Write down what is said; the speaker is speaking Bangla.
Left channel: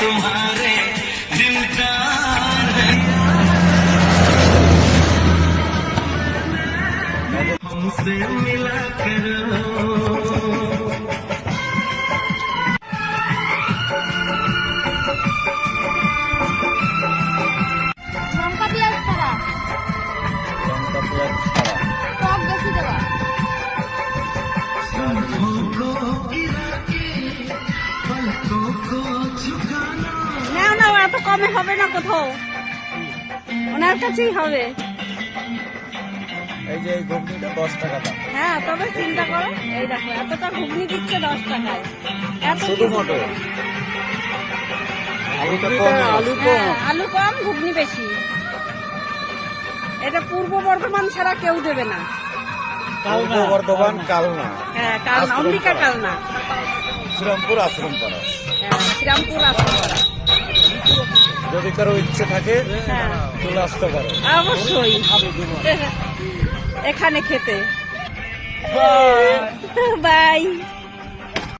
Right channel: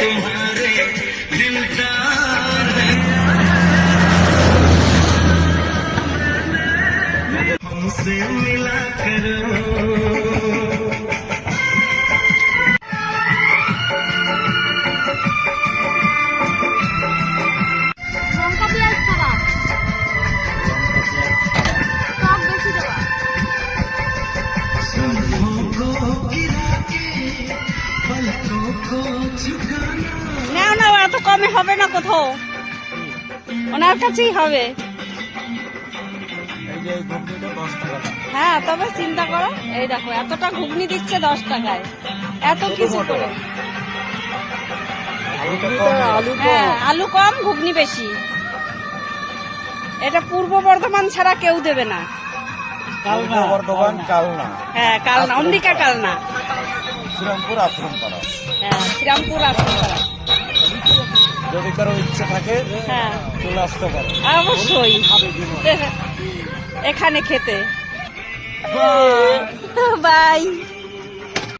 तुम्हारे दिलदार है हमसे मिला करो লঙ্কা পেঁয়াজ ছাড়া টক বেশি দেওয়া নাও নাও, এত কমে হবে না কোথাও, ওনার কাছেই হবে। হ্যাঁ, তবে চিন্তা করো, এই দেখো এতটা ঘুগনি দিচ্ছে 10 টাকায়, এত কিছু করে। আলু কম, ঘুগনি বেশি। এটা পূর্ব বর্ধমান ছাড়া কেউ দেবে না। হ্যাঁ, কালনা, অম্বিকা কালনা, শ্রীরামপুর আশ্রম পাড়া। হ্যাঁ, শ্রীরামপুর আশ্রম পাড়া। যদি কারো ইচ্ছে থাকে হ্যাঁ, চলে আসতে পারে অবশ্যই এখানে খেতে। বাই।